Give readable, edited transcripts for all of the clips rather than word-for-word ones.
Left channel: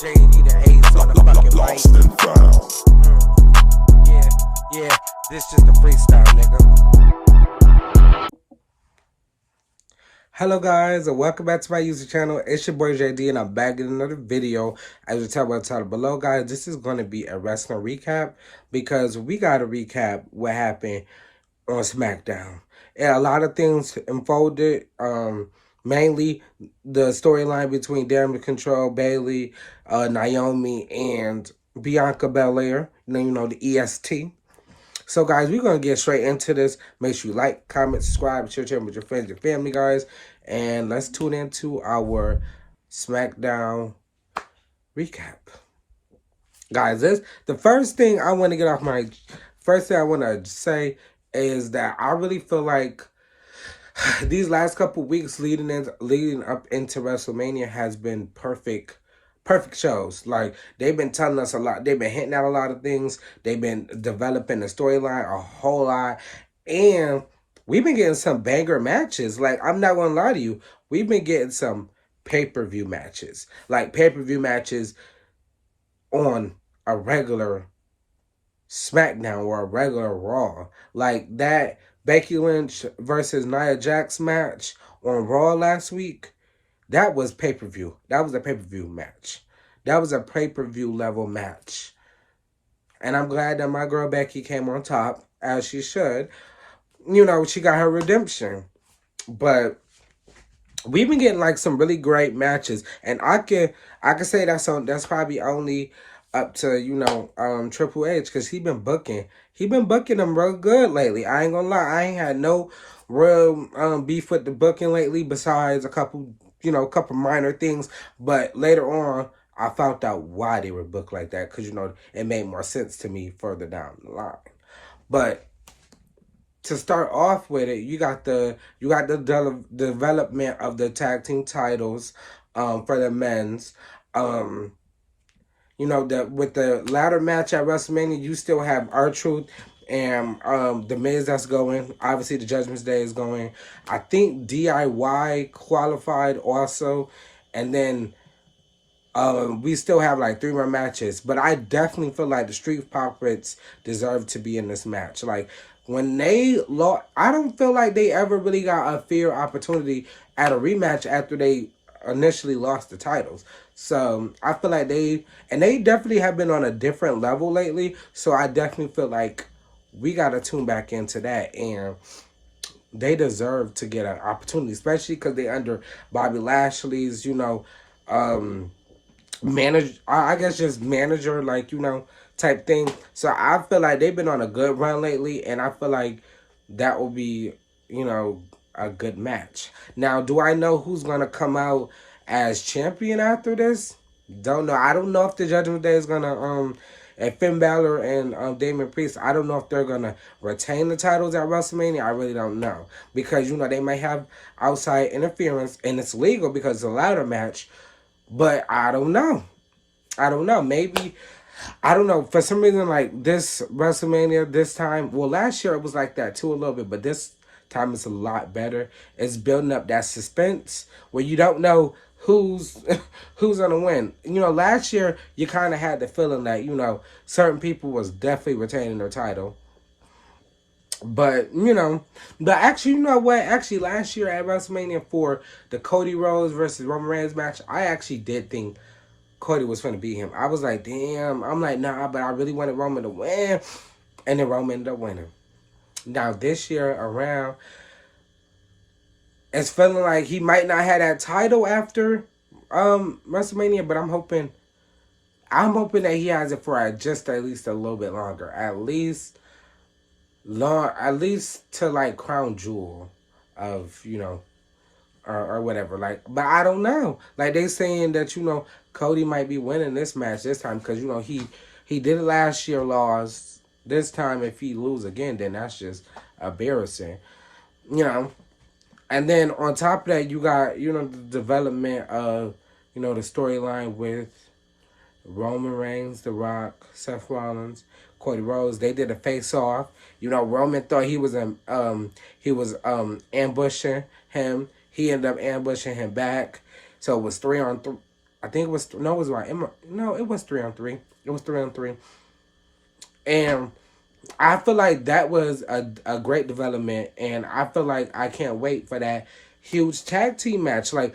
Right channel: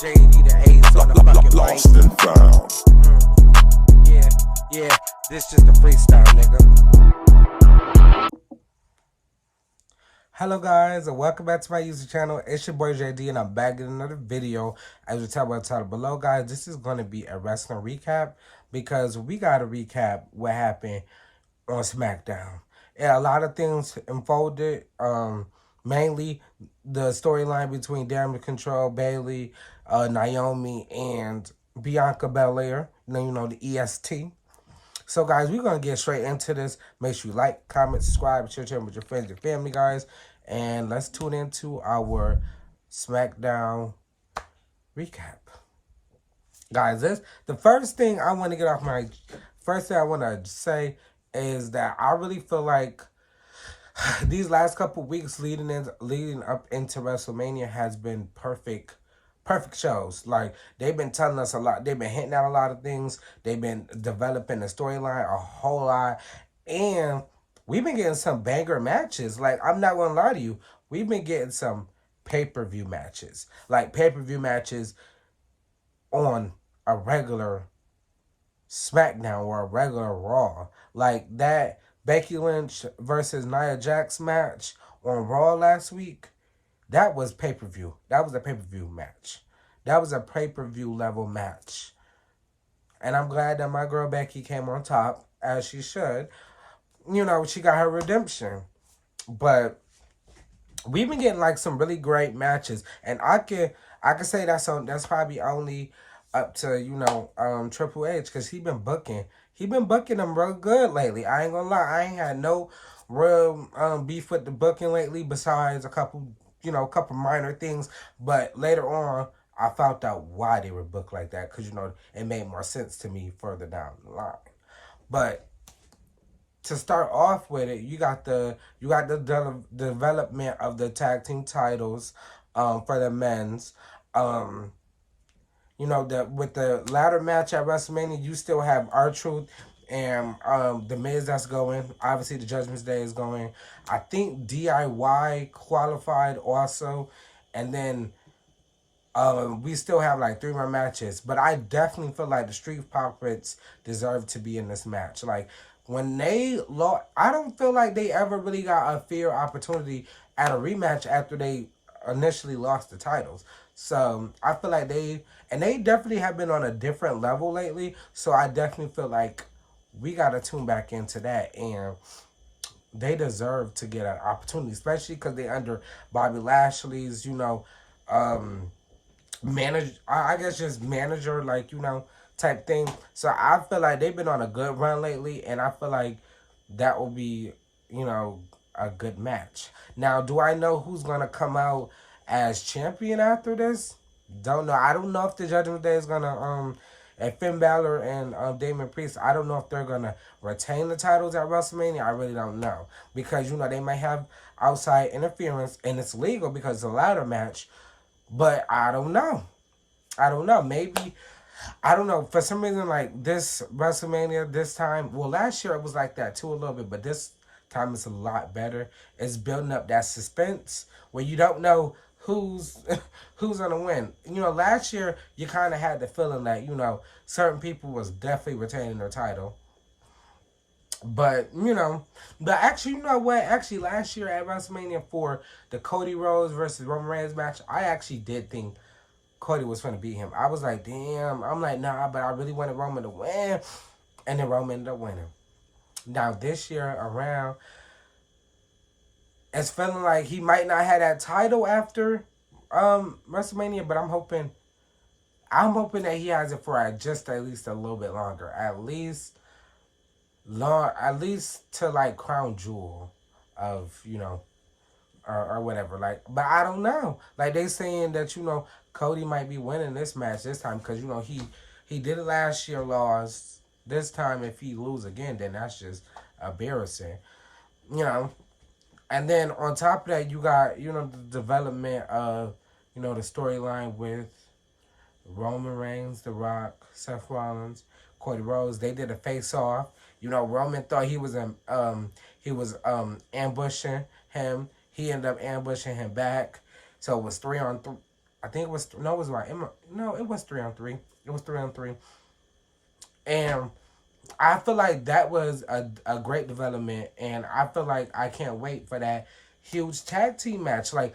JD the ace on the fucking mic. Yeah, this just a freestyle, nigga. Hello guys, and welcome back to my YouTube channel. It's your boy JD, and I'm back in another video. As you tell by the title below, guys, this is going to be a wrestling recap because we got to recap what happened on SmackDown. And a lot of things unfolded, mainly the storyline between Damage Control, Bayley, Naomi, and Bianca&Bayley, the EST. So, guys, we're going to get straight into this. Make sure you like, comment, subscribe, share with your friends, your family, guys. And let's tune into our SmackDown recap. Guys, the first thing I want to get off my... First thing I want to say is that I really feel like these last couple weeks leading up into WrestleMania has been perfect shows. Like, they've been telling us a lot. They've been hinting at a lot of things. They've been developing the storyline a whole lot. And we've been getting some banger matches. Like, I'm not going to lie to you. We've been getting some pay-per-view matches. Like, pay-per-view matches on a regular SmackDown or a regular Raw. Like, that Becky Lynch versus Nia Jax match on Raw last week. That was pay-per-view. That was a pay-per-view match. That was a pay-per-view level match. And I'm glad that my girl Becky came on top, as she should. She got her redemption. But we've been getting like some really great matches. And I can say that's probably only up to, Triple H, because he been booking them real good lately. I ain't gonna lie. I ain't had no real beef with the booking lately, besides a couple minor things. But later on, I found out why they were booked like that, because, it made more sense to me further down the line. But to start off with it, you got the development of the tag team titles for the men's. With the ladder match at WrestleMania, you still have R-Truth and The Miz that's going. Obviously, the Judgment Day is going. I think DIY qualified also. And then we still have like 3 more matches. But I definitely feel like the Street Profits deserve to be in this match. Like, when they lost, I don't feel like they ever really got a fair opportunity at a rematch after they initially lost the titles. So I feel like they definitely have been on a different level lately. So I definitely feel like we got to tune back into that, and they deserve to get an opportunity, especially because they under Bobby Lashley's, manager, type thing. So I feel like they've been on a good run lately, and I feel like that will be, a good match. Now, do I know who's going to come out as champion after this? Don't know. I don't know if the Judgment Day is going to, and Finn Balor and Damon Priest, I don't know if they're going to retain the titles at WrestleMania. I really don't know. Because, they might have outside interference, and it's legal because it's a ladder match. But I don't know. Maybe, I don't know. For some reason, like, this WrestleMania, this time, well, last year it was like that too a little bit, but this time it's a lot better. It's building up that suspense where you don't know who's gonna win. Last year you kind of had the feeling that certain people was definitely retaining their title, but actually, you know what? Actually, last year at WrestleMania for the Cody Rhodes versus Roman Reigns match, I actually did think Cody was going to beat him. I was like, damn. I'm like, nah, but I really wanted Roman to win, and then Roman ended up winning. Now, this year around, it's feeling like he might not have that title after WrestleMania, but I'm hoping that he has it for just at least a little bit longer. At least to like Crown Jewel of, or whatever. Like, but I don't know. Like, they saying that, Cody might be winning this match this time because, he did it last year, lost. This time, if he lose again, then that's just embarrassing. And then on top of that, you got, the development of, the storyline with Roman Reigns, The Rock, Seth Rollins, Cody Rhodes. They did a face-off. Roman thought he was ambushing him. He ended up ambushing him back. So it was 3-on-3. I think it was no, it was like no, it was 3-on-3. It was 3-on-3, and I feel like that was a great development, and I feel like I can't wait for that huge tag team match. Like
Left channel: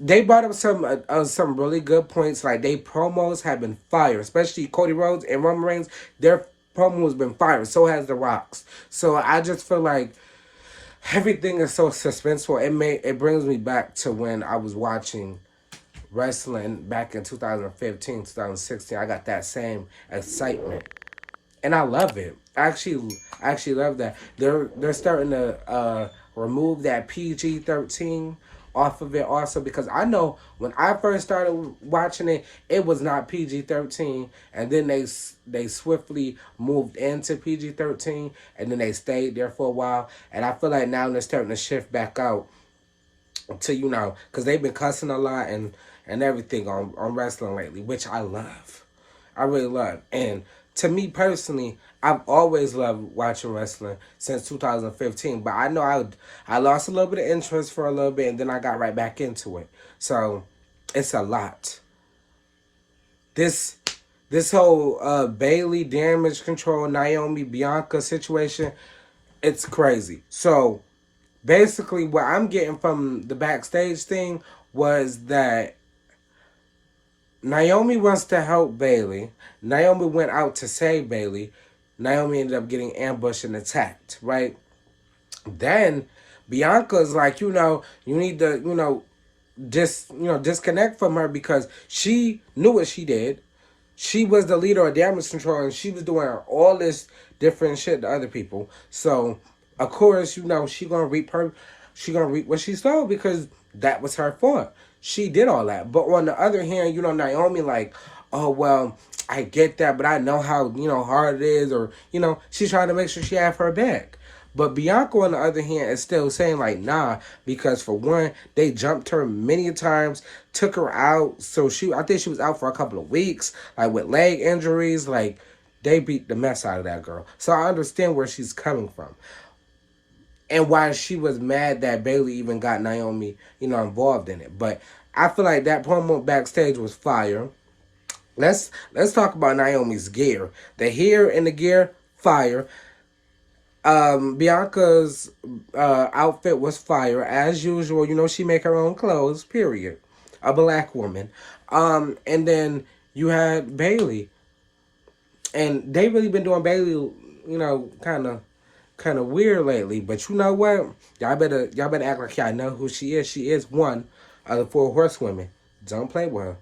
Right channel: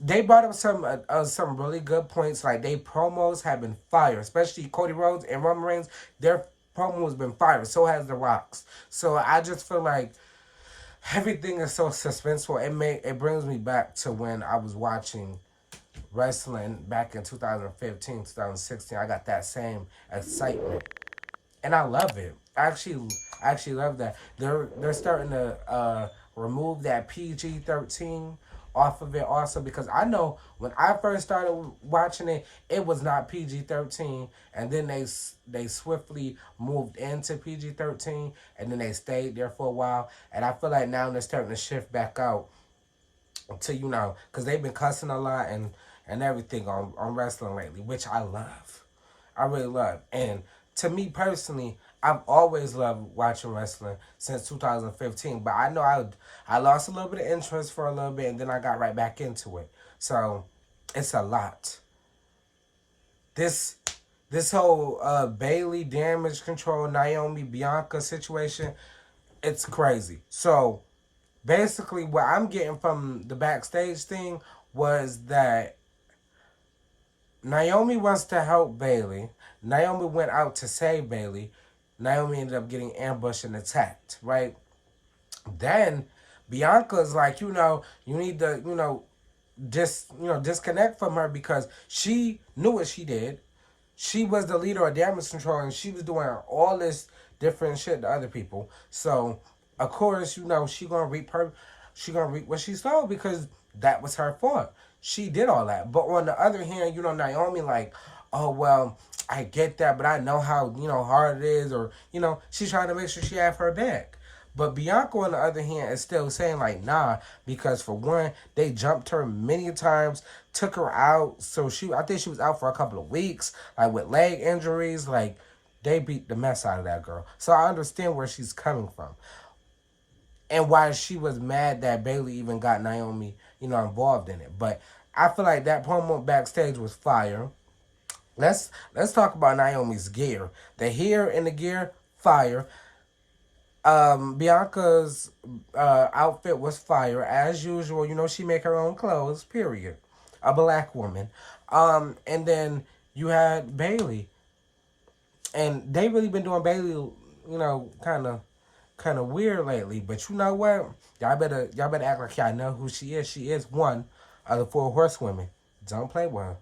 they brought up some really good points. Like they promos have been fire, especially Cody Rhodes and Roman Reigns. Their promo has been fire. So has The Rock's. So I just feel like everything is so suspenseful. It brings me back to when I was watching wrestling back in 2015, 2016. I got that same excitement, and I love it. I actually love that. They're starting to remove that PG-13 off of it also, because I know when I first started watching it, it was not PG-13, and then they swiftly moved into PG-13, and then they stayed there for a while, and I feel like now they're starting to shift back out to, because they've been cussing a lot and everything on wrestling lately, which I love. I really love. And to me personally, I've always loved watching wrestling since 2015. But I know I lost a little bit of interest for a little bit, and then I got right back into it. So it's a lot. This this whole Bayley damage control, Naomi Bianca situation, it's crazy. So basically, what I'm getting from the backstage thing was that Naomi wants to help Bayley. Naomi went out to save Bayley. Naomi ended up getting ambushed and attacked, right? Then Bianca's like, you need to, disconnect from her, because she knew what she did. She was the leader of damage control, and she was doing all this different shit to other people. So of course, she gonna reap what she sowed, because that was her fault. She did all that. But on the other hand, Naomi like, oh well, I get that, but I know how, hard it is, or, she's trying to make sure she have her back. But Bianca, on the other hand, is still saying, like, nah, because for one, they jumped her many times, took her out. So I think she was out for a couple of weeks, like, with leg injuries. Like, they beat the mess out of that girl. So I understand where she's coming from, and why she was mad that Bayley even got Naomi, involved in it. But I feel like that promo backstage was fire. Let's talk about Naomi's gear. The hair and the gear, fire. Bianca's outfit was fire as usual. She make her own clothes. Period. A black woman. And then you had Bayley, and they really been doing Bayley, kind of weird lately. But you know what? Y'all better act like y'all know who she is. She is one of the four horsewomen. Don't play with her.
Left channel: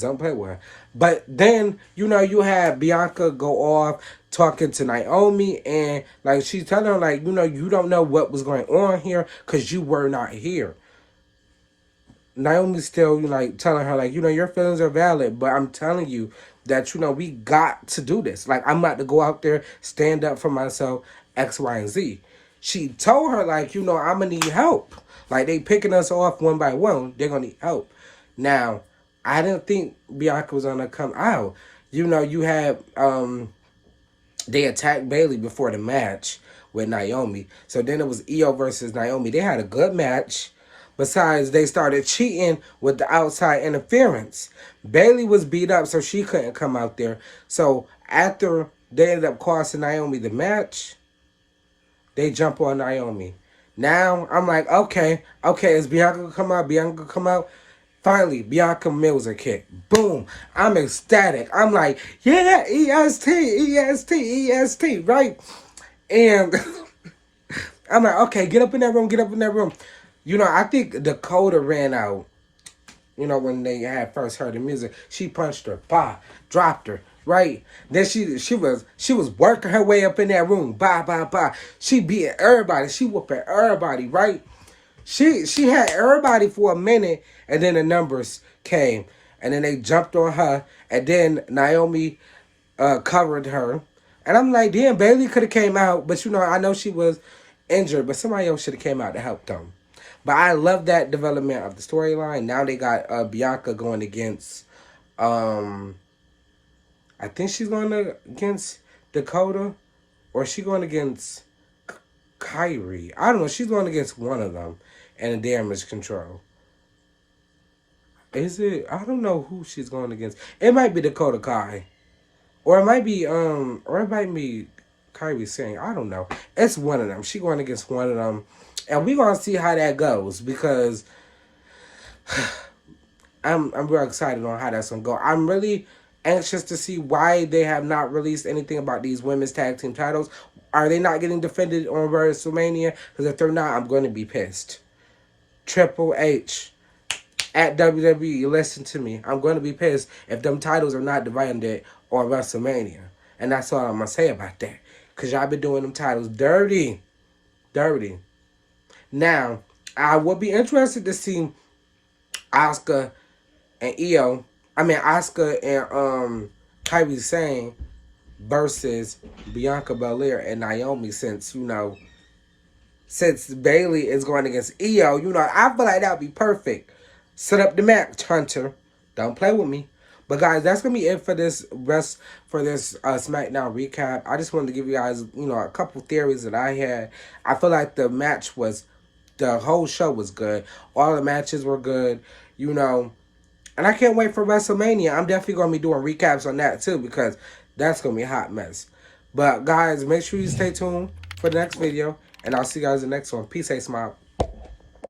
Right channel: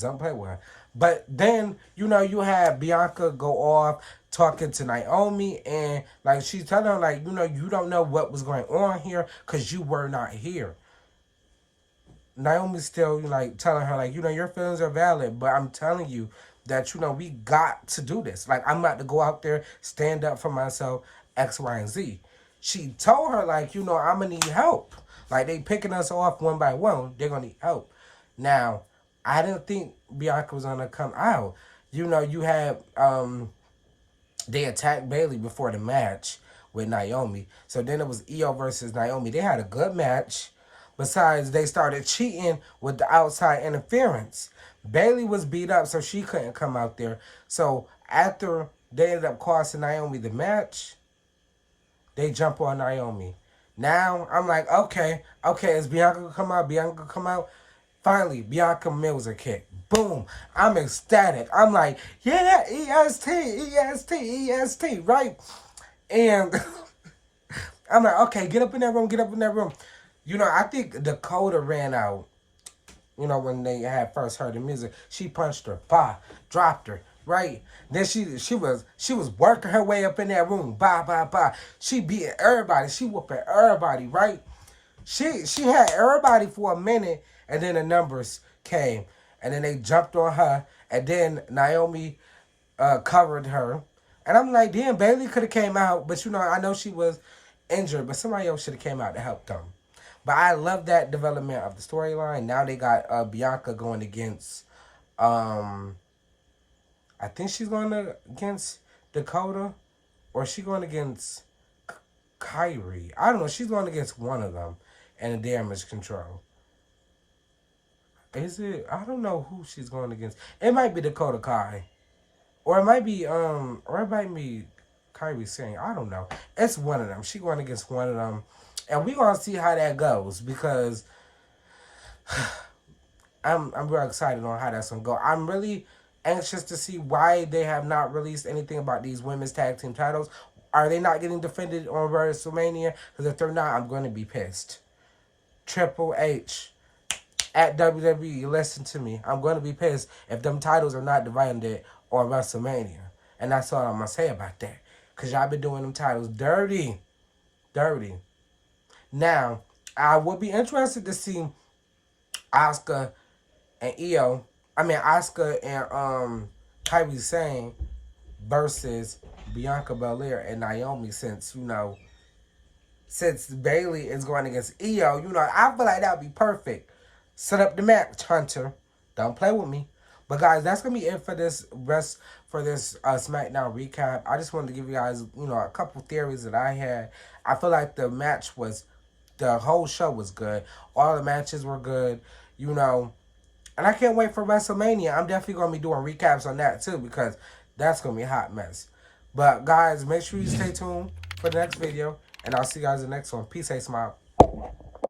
Don't play with her. But then, you had Bianca go off talking to Naomi, and like she's telling her, like, you don't know what was going on here because you were not here. Naomi's still, like, telling her, like, your feelings are valid, but I'm telling you that, we got to do this. Like, I'm about to go out there, stand up for myself, X, Y, and Z. She told her, like, I'm going to need help. Like, they picking us off one by one. They're going to need help. Now, I didn't think Bianca was going to come out. You had, they attacked Bayley before the match with Naomi. So then it was Io versus Naomi. They had a good match. Besides, they started cheating with the outside interference. Bayley was beat up, so she couldn't come out there. So after they ended up costing Naomi the match, they jump on Naomi. Now, I'm like, okay, is Bianca gonna come out? Bianca gonna come out? Finally, Bianca Mills a kick. Boom. I'm ecstatic. I'm like, yeah, EST, EST, EST, right? And I'm like, okay, get up in that room, get up in that room. I think Dakota ran out, when they had first heard the music. She punched her, dropped her, right? Then she was working her way up in that room, She beat everybody. She whooping everybody, right? She had everybody for a minute, and then the numbers came, and then they jumped on her, and then Naomi covered her. And I'm like, damn, Bayley could have came out, but I know she was injured, but somebody else should have came out to help them. But I love that development of the storyline. Now they got Bianca going against, I think she's going against Dakota, or she going against Kyrie. I don't know. She's going against one of them in the damage control. Is it? I don't know who she's going against. It might be Dakota Kai. Or it might be Kyrie Singh. I don't know. It's one of them. She going against one of them. And we gonna see how that goes because I'm real excited on how that's gonna go. I'm really anxious to see why they have not released anything about these women's tag team titles. Are they not getting defended on WrestleMania? Because if they're not, I'm gonna be pissed. Triple H at WWE, listen to me. I'm gonna be pissed if them titles are not defended on WrestleMania. And that's all I'm gonna say about that. Cause y'all been doing them titles dirty. Dirty. Now, I would be interested to see Asuka and Asuka and Kairi Sane versus Bianca&Bayley and Naomi since Bayley is going against Io, I feel like that would be perfect. Set up the match, Hunter. Don't play with me. But guys, that's gonna be it for this SmackDown recap. I just wanted to give you guys, a couple theories that I had. I feel like the whole show was good. All the matches were good, And I can't wait for WrestleMania. I'm definitely gonna be doing recaps on that too because that's gonna be a hot mess. But guys, make sure you stay tuned for the next video, and I'll see you guys in the next one. Peace, hey, smile.